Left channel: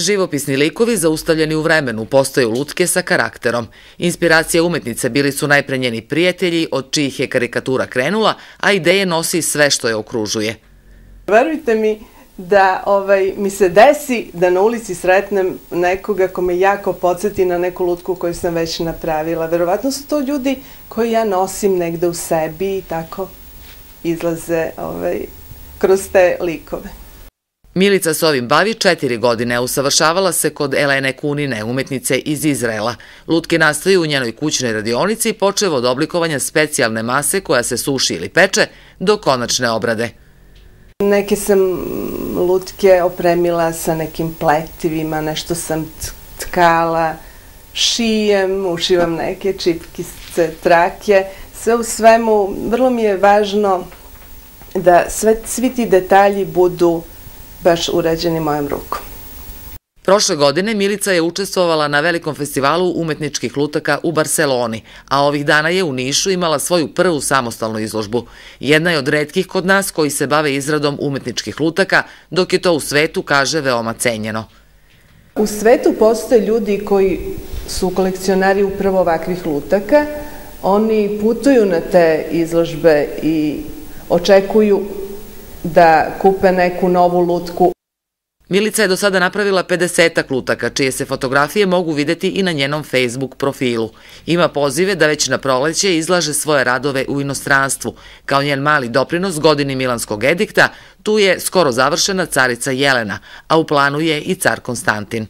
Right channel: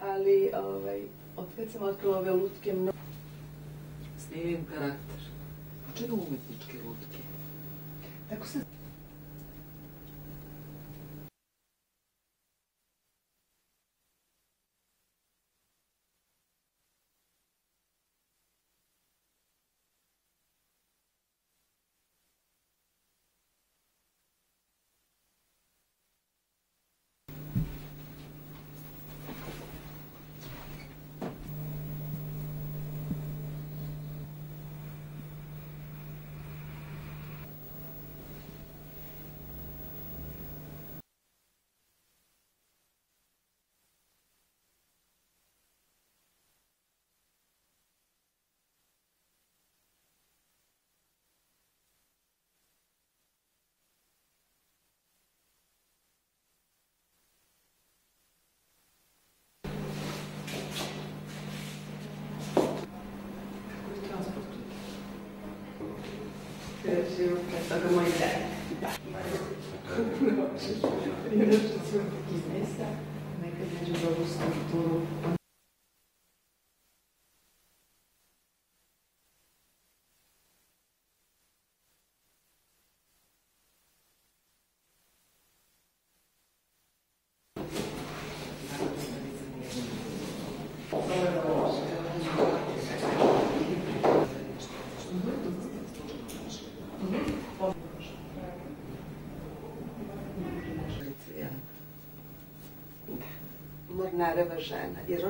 Živopisni likovi zaustavljeni u vremenu postaju lutke sa karakterom. Inspiracija umetnice bili su najpre njeni prijatelji, od čijih je karikatura krenula, a ideje nosi sve što je okružuje. Verujte mi da mi se desi da na ulici sretnem nekoga ko me jako podsjeti na neku lutku koju sam već napravila. Verovatno su to ljudi koji ja nosim negde u sebi i tako izlaze kroz te likove. Milica se ovim bavi 4 godine, usavršavala se kod Elene Kunine, umetnice iz Izraela. Lutke nastaju u njenoj kućnoj radionici, počev od oblikovanja specijalne mase koja se suši ili peče do konačne obrade. Neke sam lutke opremila sa nekim pletivima, nešto sam tkala, šijem, ušivam neke čipkice, trake. Sve u svemu, vrlo mi je važno da svi ti detalji budu baš urađeni mojom rukom. Prošle godine Milica je učestvovala na velikom festivalu umetničkih lutaka u Barseloni, a ovih dana je u Nišu imala svoju prvu samostalnu izložbu. Jedna je od retkih kod nas koji se bave izradom umetničkih lutaka, dok je to u svetu, kaže, veoma cenjeno. U svetu postoje ljudi koji su kolekcionari upravo ovakvih lutaka. Oni putuju na te izložbe i očekuju da kupe neku novu lutku. Milica je do sada napravila 50-ak lutaka, čije se fotografije mogu videti i na njenom Facebook profilu. Ima pozive da već na proleće izlaže svoje radove u inostranstvu. Kao njen mali doprinos godini Milanskog edikta, tu je skoro završena carica Jelena, a u planu je i car Konstantin.